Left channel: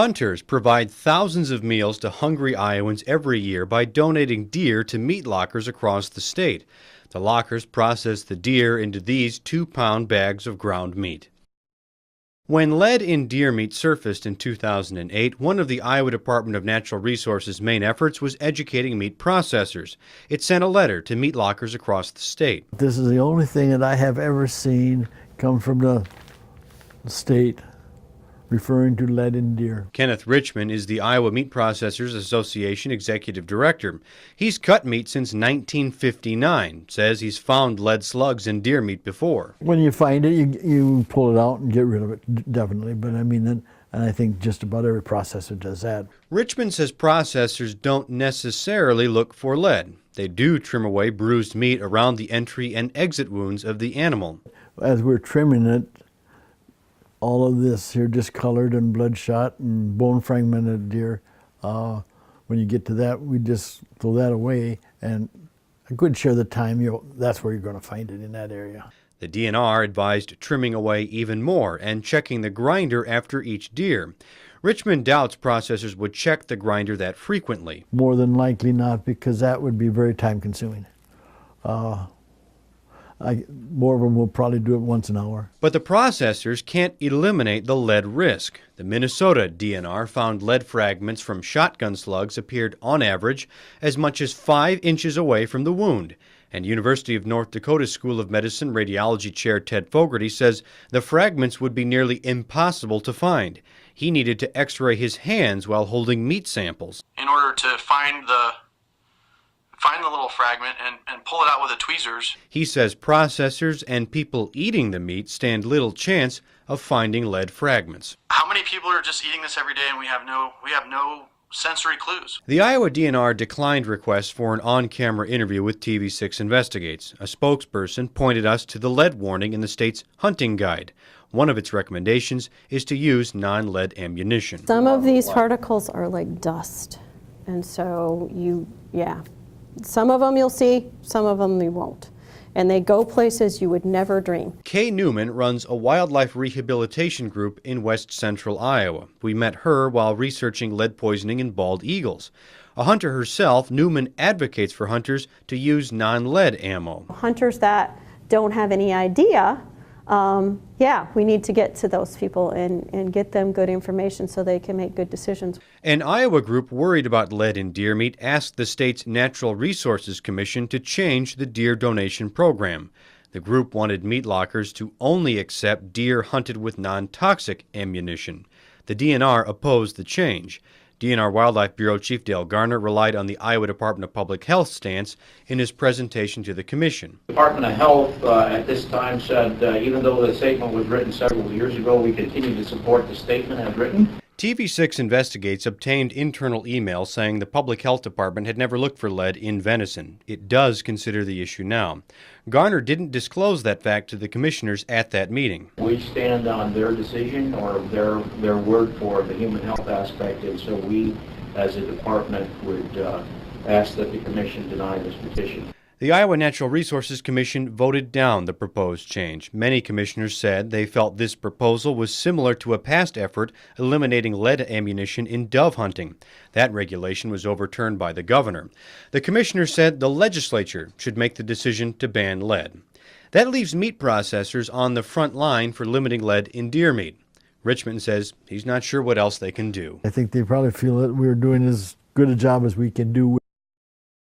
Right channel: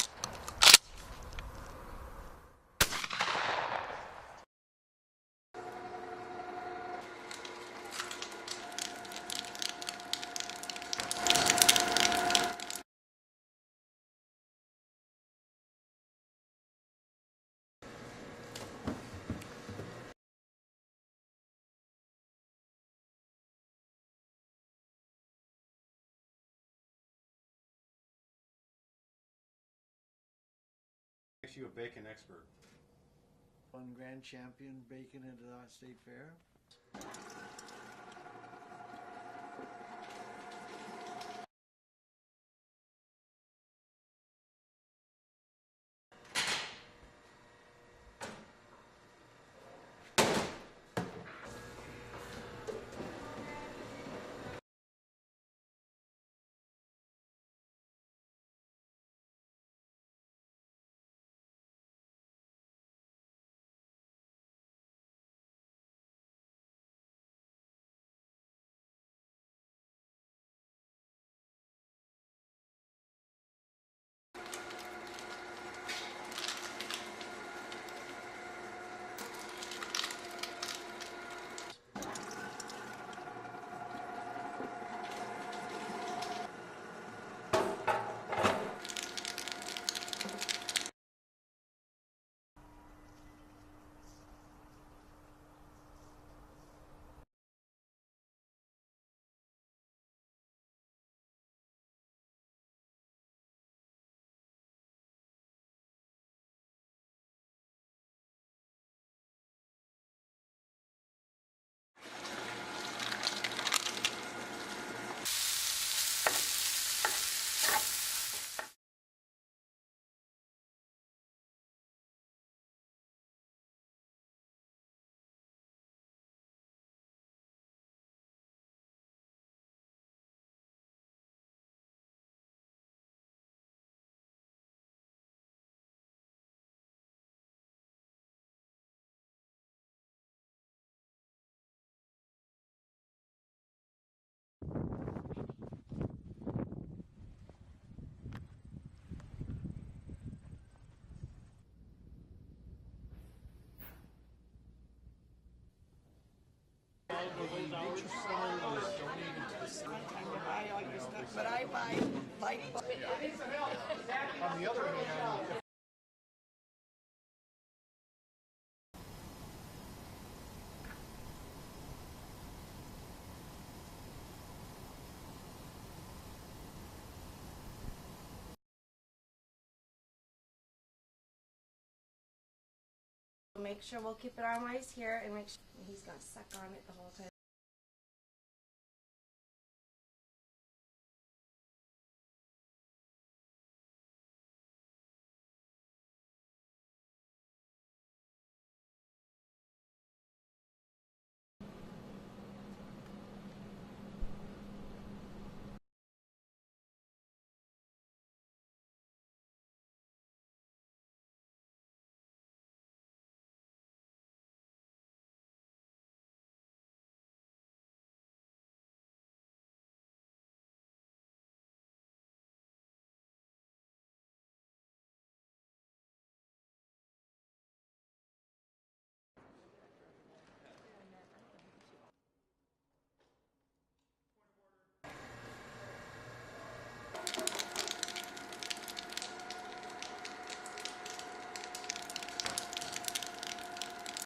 Hunters provide thousands of meals to hungry Iowans every year by donating deer to meat lockers across the state. The lockers process the deer into these 2-pound bags of ground meat. When lead in deer meat surfaced in 2008, one of the Iowa Department of Natural Resources' main efforts was educating meat processors. It sent a letter to meat lockers across the state. This is the only thing that I have ever seen come from the state referring to lead in deer. Kenneth Richmond is the Iowa Meat Processors Association Executive Director. He's cut meat since 1959, says he's found lead slugs in deer meat before. When you find it, you pull it out and get rid of it, definitely. But I mean, and I think just about every processor does that. Richmond says processors don't necessarily look for lead. They do trim away bruised meat around the entry and exit wounds of the animal. As we're trimming it, all of this here discolored and bloodshot and bone fragmented deer, when you get to that, we just throw that away, and a good share of the time, that's where you're going to find it, in that area. The DNR advised trimming away even more and checking the grinder after each deer. Richmond doubts processors would check the grinder that frequently. More than likely not, because that would be very time consuming. More of them will probably do it once an hour. But the processors can't eliminate the lead risk. The Minnesota DNR found lead fragments from shotgun slugs appeared on average as much as 5 inches away from the wound. And University of North Dakota School of Medicine radiology chair Ted Fogarty says the fragments would be nearly impossible to find. He needed to x-ray his hands while holding meat samples. In order to find the little fragment and pull it out with the tweezers. He says processors and people eating the meat stand little chance of finding lead fragments. How many people are just eating this every day and we have no sensory clues? The Iowa DNR declined requests for an on-camera interview with TV6 Investigates. A spokesperson pointed us to the lead warning in the state's hunting guide. One of its recommendations is to use non-lead ammunition. Some of these particles are like dust, and so some of them you'll see, some of them you won't. And they go places you would never dream. Kay Newman runs a wildlife rehabilitation group in west central Iowa. We met her while researching lead poisoning in bald eagles. A hunter herself, Newman advocates for hunters to use non-lead ammo. Hunters that don't have any idea, we need to get to those people and get them good information so they can make good decisions. An Iowa group worried about lead in deer meat asked the state's Natural Resources Commission to change the deer donation program. The group wanted meat lockers to only accept deer hunted with non-toxic ammunition. The DNR opposed the change. DNR Wildlife Bureau Chief Dale Garner relied on the Iowa Department of Public Health stance in his presentation to the commission. The Department of Health at this time said even though the statement was written several years ago, we continue to support the statement as written. TV6 Investigates obtained internal emails saying the Public Health Department had never looked for lead in venison. It does consider the issue now. Garner didn't disclose that fact to the commissioners at that meeting. We stand on their decision or their word for the human health aspect, and so we, as a department, would ask that the commission deny this petition. The Iowa Natural Resources Commission voted down the proposed change. Many commissioners said they felt this proposal was similar to a past effort eliminating lead ammunition in dove hunting. That regulation was overturned by the governor. The commissioner said the legislature should make the decision to ban lead. That leaves meat processors on the front line for limiting lead in deer meat. Richmond says he's not sure what else they can do. I think they probably feel that we're doing as good a job as we can do.